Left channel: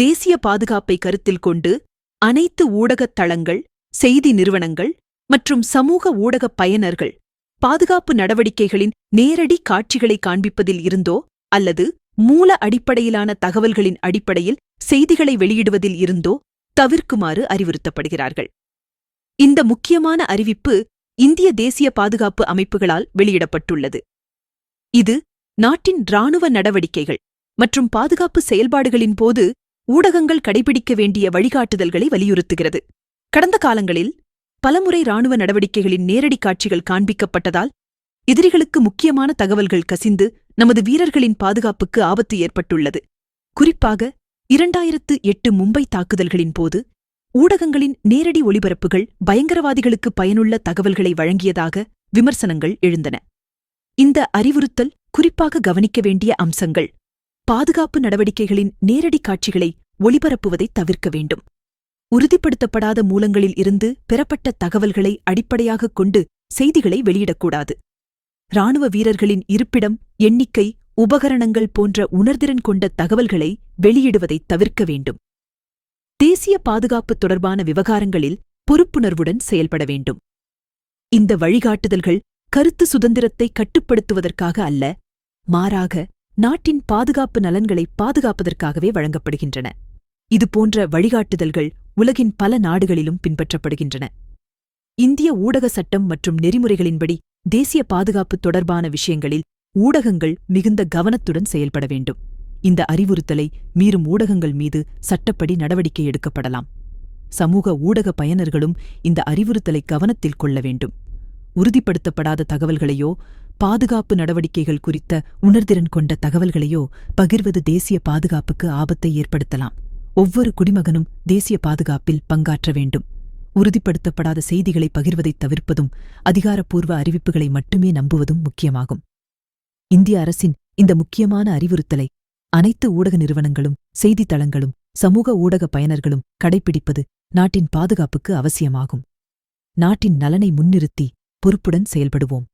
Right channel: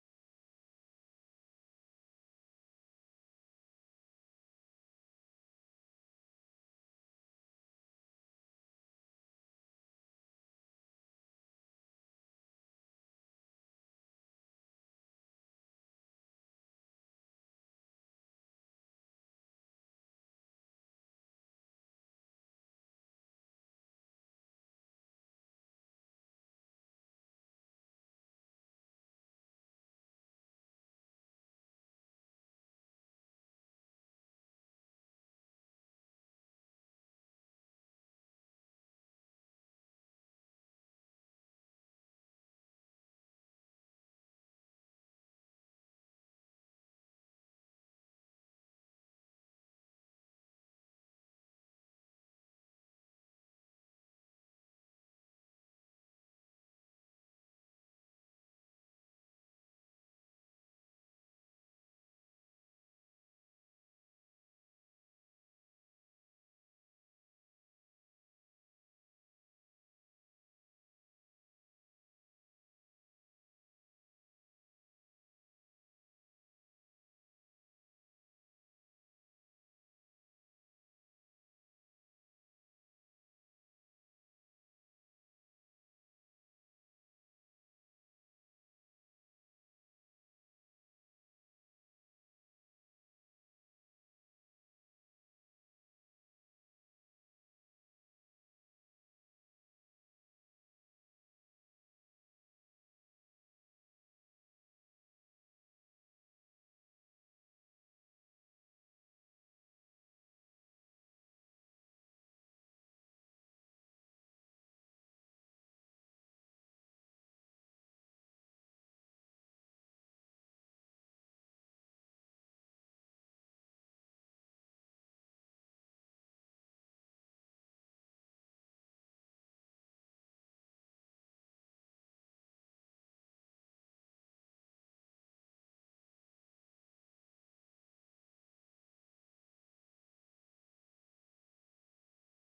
தேசிய பாதுகாப்பை கருத்தில் கொண்டு அனைத்து ஊடகத் தளங்கள், செய்தி நிறுவனங்கள் மற்றும் சமூக ஊடகப் பயனர்கள் பாதுகாப்பு நடவடிக்கைகளின் நேரடி காட்சிகளை காண்பிப்பதில் இருந்தோ அல்லது மூல அடிப்படையிலான தகவல்களின் அடிப்படையில் செய்திகளை வெளியிடுவதில் இருந்தோ தவிர்க்குமாறு அறிவுறுத்தப்படுகிறார்கள். இந்த முக்கியமான அறிவிப்பு இந்திய தேசிய பாதுகாப்பு அமைப்புகளால் வெளியிடப்பட்டுள்ளது. இது நாட்டின் இராணுவ நடவடிக்கைகள் மற்றும் பாதுகாப்பு செயல்பாடுகளின் போது ஊடகங்கள் கடைபிடிக்க வேண்டிய வழிகாட்டுதல்களை வலியுறுத்துகிறது. கடந்த காலங்களில் பலமுறை இராணுவ நடவடிக்கைகளின் நேரடி காட்சிகள் காண்பிக்கப்பட்டதால் எதிரிகளுக்கு முக்கியமான தகவல்கள் கசிந்து நமது வீரர்களின் பாதுகாப்புக்கு ஆபத்து ஏற்பட்டுள்ளது. குறிப்பாக 2008 மும்பை தாக்குதல்களின் போது ஊடகங்களின் நேரடி ஒளிபரப்புகள் பயங்கரவாதிகளுக்கு பயனுள்ள தகவல்களை வழங்கியதாக விமர்சனங்கள் எழுந்தன. இந்த அறிவுறுத்தல் குறிப்பாக கவனிக்க வேண்டிய அம்சங்கள்: பாதுகாப்பு நடவடிக்கைகளின் நேரடி காட்சிகளை ஒளிபரப்புவதை தவிர்க்க வேண்டும். உறுதிப்படுத்தப்படாத மூலங்களில் இருந்து பெறப்பட்ட தகவல்களை அடிப்படையாகக் கொண்டு செய்திகளை வெளியிடக்கூடாது. இராணுவ வீரர்களின் இருப்பிடம், எண்ணிக்கை, உபகரணங்கள் போன்ற உணர்திறன் கொண்ட தகவல்களை வெளியிடுவதைத் தவிர்க்க வேண்டும். தேசிய பாதுகாப்பு தொடர்பான விவகாரங்களில் பொறுப்புணர்வுடன் செயல்பட வேண்டும். இந்த வழிகாட்டுதல்கள் கருத்து சுதந்திரத்தை கட்டுப்படுத்துவதற்காக அல்ல, மாறாக நாட்டின் பாதுகாப்பு நலன்களை பாதுகாப்பதற்காகவே வழங்கப்படுகின்றன. இதுபோன்ற வழிகாட்டுதல்கள் உலகின் பல நாடுகளிலும் பின்பற்றப்படுகின்றன. இந்திய ஊடக சட்டம் மற்றும் நெறிமுறைகளின்படி தேசிய பாதுகாப்பு தொடர்பான விஷயங்களில் ஊடகங்கள் மிகுந்த கவனத்துடன் செயல்பட வேண்டும். இந்த அறிவுறுத்தலை மீறும் ஊடகங்கள் மீது சட்டப்படி நடவடிக்கை எடுக்கப்படலாம். சமூக ஊடக பயனர்களும் இந்த அறிவுறுத்தலை கவனத்தில் கொள்ள வேண்டும். உறுதிப்படுத்தப்படாத தகவல்களையோ பாதுகாப்பு நடவடிக்கைகள் குறித்த உணர்திறன் கொண்ட தகவல்களையோ பகிர்வது தேசிய பாதுகாப்புக்கு ஆபத்தை ஏற்படுத்தலாம். ஒவ்வொரு குடிமகனும் தேசிய பாதுகாப்பில் பங்காற்ற வேண்டும். உறுதிப்படுத்தப்படாத செய்திகளை பகிர்வதைத் தவிர்ப்பதும் அதிகாரப்பூர்வ அறிவிப்புகளை மட்டுமே நம்புவதும் முக்கியமாகும். இந்திய அரசின் இந்த முக்கியமான அறிவுறுத்தலை அனைத்து ஊடக நிறுவனங்களும், செய்தித்தளங்களும், சமூக ஊடக பயனர்களும் கடைப்பிடிப்பது நாட்டின் பாதுகாப்புக்கு அவசியமாகும். நாட்டின் நலனை முன்னிறுத்தி பொறுப்புடன் செயல்படுவோம்.